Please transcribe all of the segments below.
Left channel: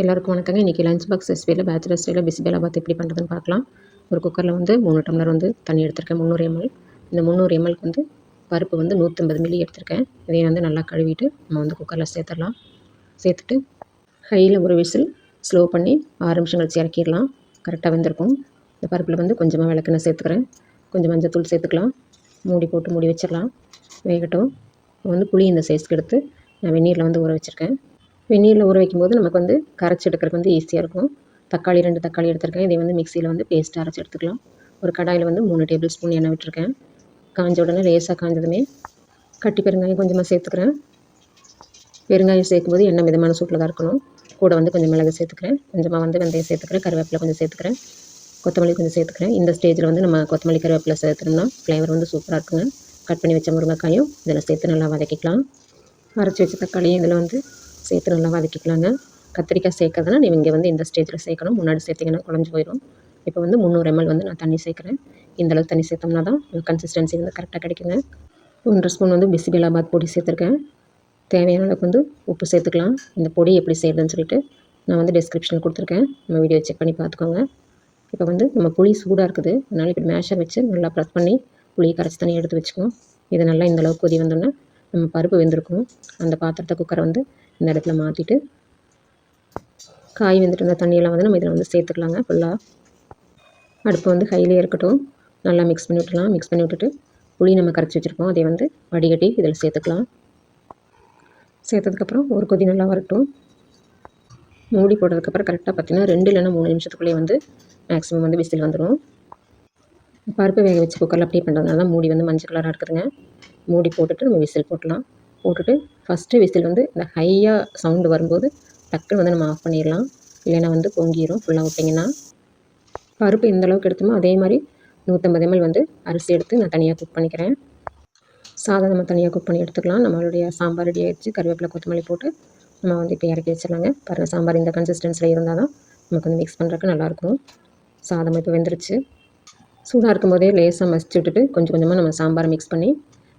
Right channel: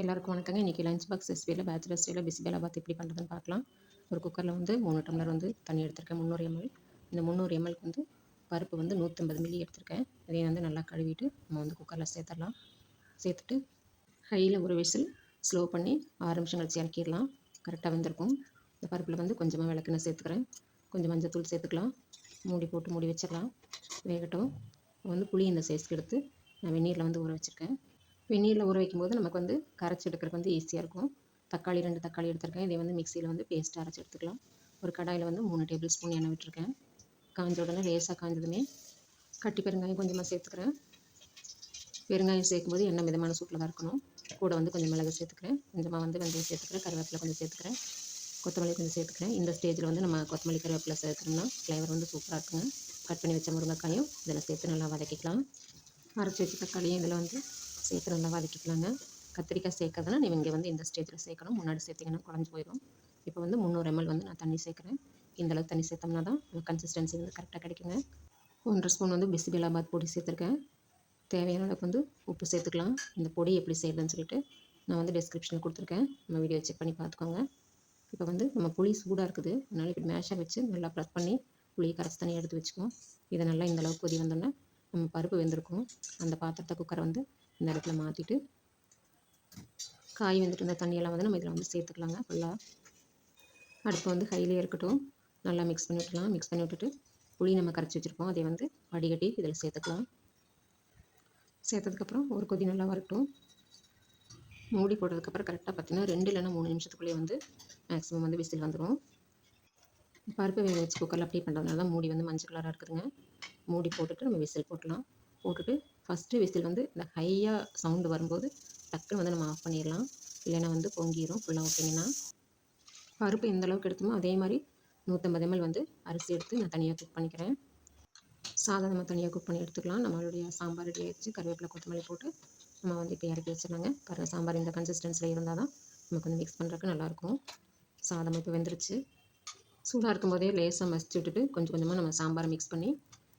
எல்லாருக்கும் வணக்கங்க. இன்றைக்கி லஞ்ச் பாக்ஸ் ரெசிபியில் பேச்சுலர் ஸ்டைலில் பிசிபெலாபாத் எப்படி பண்ணுறதுன்னு பார்க்கலாம். ஒரு குக்கரில் வந்து 3 டம்ளர் வந்து தண்ணி எடுத்திருக்கேன், 300 ml. இந்த 300 mlக்கு வந்து பருப்பு வந்து 150 மில்லி எடுத்திருக்கேன். இதையும் வந்து நல்லா கழுவிட்டு நம்ம வந்து குக்கரில் சேர்த்துடலாம். சேர்த்துட்டு ஹையில் ஒரு விசில், ஸ்லோ பண்ணி 6 நிமிஷம் கழிச்சு இறக்கிடலாம். கரெக்டாக வெந்திருக்கும். இந்த பருப்பில் வந்து கொஞ்சமாக விளக்கெண்ணெய் சேர்த்துக்கிறேன், கொஞ்சம் மஞ்சத்தூள் சேர்த்துக்கலாம். மூடி போட்டு மூடி வச்சிடலாம், வேகட்டும். வந்து புளி இந்த சைஸ்க்கு எடுத்து நான் வெந்நீரில் வந்து ஊற வச்சுருக்கேன். வெந்நீரில் ஊற வைக்கும்போது நமக்கு வந்து கரைச்சி எடுக்கிறதுக்கு வந்து ஈஸியாக இருக்கும். தக்காளி 2 தக்காளி எடுத்திருக்கேன். இதை வந்து மிக்சியில் வந்து பேஸ்ட் அரைச்சி எடுத்துக்கலாம். ஒரு கடாயில் வந்து 3 டேபிள் ஸ்பூன் எண்ணெய் விட்டுருக்கேன். காஞ்ச உடனே லேசாக காஞ்சதுமே கட்டி பெருங்காயம் கொஞ்சமாக சேர்த்துக்கிறேன். பெருங்காயம் சேர்க்கும்போது எண்ணெய் மிதமான சூட்டில் தான் இருக்கணும். கூட வந்து கொஞ்சம் மிளகு சேர்த்துக்கிறேன், கொஞ்சமாக வந்து வெந்தயம் சேர்த்துக்கிறேன், கருவேப்பிலை கொஞ்சம் சேர்த்துக்கிறேன், கொத்தமல்லி கொஞ்சம் சேர்த்துக்கிறேன். இந்த ஸ்டேஜில் வந்து நம்ம கொத்தமல்லி கருவேப்பிலை சேர்த்துனோம்னா ஃப்ளேவர் வந்து சூப்பராக இருக்குங்க. கட் பண்ணி வச்ச முருங்கைக்காயும் இதில் சேர்த்து நல்லா வதக்கிக்கலாம். அரைச்சி வச்ச தக்காளியும் இதில் வந்து சேர்த்து நல்லா வதக்கிக்கலாங்க. கத்திரிக்காய் சேர்க்கறதுனா நீங்கள் வந்து இந்த ஸ்டேஜில் சேர்க்கணும். முன்னாடி சேர்த்திங்கன்னா குழஞ்சி போயிடும். இப்போ வந்து 300 ml வந்து நான் தண்ணி சேர்க்குறேன். இந்தளவுக்கு தண்ணி சேர்த்தோம்னா தான் கன்சிஸ்டன்சி வந்து கரெக்டாக கிடைக்குங்க. 1 ஸ்பூன் வந்து பிசிபெலாபாத் பொடி சேர்த்துருக்கேன். தேவையான அளவுக்கு வந்து உப்பு சேர்த்துக்கலாம். இந்த பொடி எப்படி செய்யுதுன்னு சொல்லிட்டு நான் வந்து டிஸ்கிரிப்ஷனில் கொடுத்துருக்கேன். நம்ம வீடியோ செக் பண்ணி பார்த்துக்கோங்க. இப்போ வந்து நம்ம புளி சூடாக இருக்குது, அதனால் இப்படி மேஷர் வச்சு நல்லா ப்ரெஸ் பண்ணி புளியை கரைச்சி தண்ணி எடுத்து வச்சுக்குவோம். இது நல்லா இந்தளவுக்கு கொதி வந்தோன்னா நம்ம பருப்பு வெந்திருக்கும். அந்த பாத்திரத்தை குக்கரை வந்து இந்த இடத்துல மாற்றிட்டு காய் வெந்துட்டு இருந்த தண்ணியெல்லாம் வந்து நம்ம இதில் வந்து சேர்த்துக்கலாங்க. ஃபுல்லாக அடுப்பு வந்து ஹையிலே இருக்கட்டும். நல்லா மிக்ஸ் பண்ணி விட்டுலாம். மிக்ஸ் பண்ணி விட்டுட்டு புளி நம்ம கரைச்சி வச்சுருக்கோம், அதை வந்து வடிகட்டி இதில் சேர்த்துக்கலாம். சேர்த்ததுக்கப்புறம் ஒரு கொதி நல்லா வரட்டும். மூடி போட்டதுக்கப்புறம் கரெக்டாக பார்த்திங்கன்னா 2 இல்லைன்னா 3 நிமிஷத்துக்குள்ளேயே வந்து மேக்ஸிமம் வந்து விசில் வந்துடும். பருப்பு வேக வச்சு குக்கரில் அப்ளை பண்ணுறதுனால தான் மூடி வந்து மஞ்சள் கலராக இருக்குதுங்க. மூடி போட்டுட்டு நம்ம விசில் போட்டலாம். போட்டுட்டு ஃபஸ்ட்டு விசில் வந்து இந்த ஹையாக சவுண்டு வரும்போது டக்குன்னு வந்து நம்ம ஆஃப் பண்ணிடலாம். இல்லைன்னா வந்து பொங்கிடும் ஃபுல்லாக விட்டிங்கன்னா. பருப்பு எந்த அளவுக்கு எடுத்தோமோ அதே மாதிரி 150 ml வந்து அரிசி எடுத்து நான் தனியாக குக் பண்ணிக்கிறேன். சாதம் நம்ம தனியாக குக் பண்ணி எடுத்துக்கலாம். நம்மளுடைய சாம்பார் ரெடி ஆகிடுச்சு. கருவேப்பிலை கொத்தமல்லி போட்டு நம்ம வந்து இப்போ இறக்கி வச்சிடலாங்க. பாருங்கள், சாம்பார் இந்த கன்சிஸ்டன்சியில் இருந்தால் தான் நமக்கு வந்து மிக்ஸ் பண்ணுறதுக்கு நல்லாயிருக்கும். சாதம் இப்போ வெந்துருச்சு. சூடாக இருக்கும்போதே லேசாக மசிச்சு விட்டுட்டு கொஞ்சம் கொஞ்சமாக நம்ம சாம்பாரை மிக்ஸ் பண்ணி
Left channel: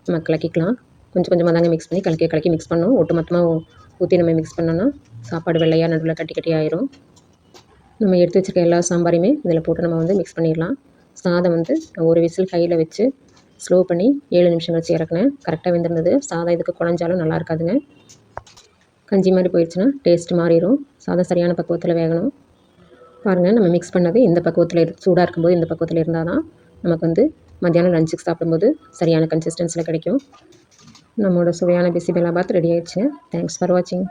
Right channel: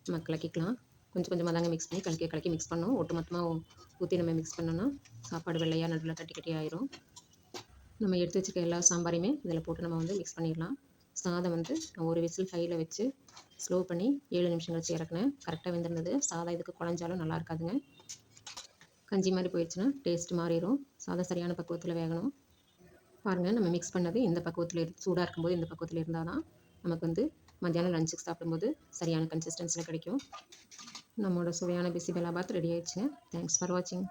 நம்ம கலக்கிக்கலாம். கொஞ்சம் கொஞ்சமாக தாங்க மிக்ஸ் பண்ணி கலக்கி மிக்ஸ் பண்ணணும். ஒட்டு மொத்தமாக ஊற்றி நம்ம மிக்ஸ் பண்ணோன்னா சாப்பாடு வெள்ளையாக நடுவில் கட்டி கட்டி ஆயிரும். நம்ம எடுத்து வச்சுருக்க எல்லா சாம்பாரையுமே இதில் போட்டு நம்ம வந்து மிக்ஸ் பண்ணிடலாம். சாதம் வந்து ஒரு விசில் கையில் வச்சு ஸ்லோ பண்ணி 7 நிமிஷம் கழிச்சு இறக்குனேன். கரெக்டாக வெந்திருந்தது. சாதம் இதுக்கு குழஞ்சாலும் நல்லா இருக்காதுங்க. கஞ்சி மாதிரி போயிடுச்சுன்னா டேஸ்ட் மாறிடும். சாதம் சரியான பக்குவத்தில் வேகணும். பாருங்கள், நம்ம மிக்ஸ் பண்ணது இந்த பக்குவத்தில் சூடாக இருக்கும்போது இந்த பக்குவத்தில் இருந்தால் தான் நமக்கு வந்து மத்தியானம் லஞ்சுக்கு சாப்பிடும்போது சரியான கன்சிஸ்டன்சியில் கிடைக்கும். நம்மளோட சுவையான பிசிபெலாபாத் ரெடி ஆயிடுச்சுங்க. தேங்க்ஸ் ஃபார் வாட்சிங்.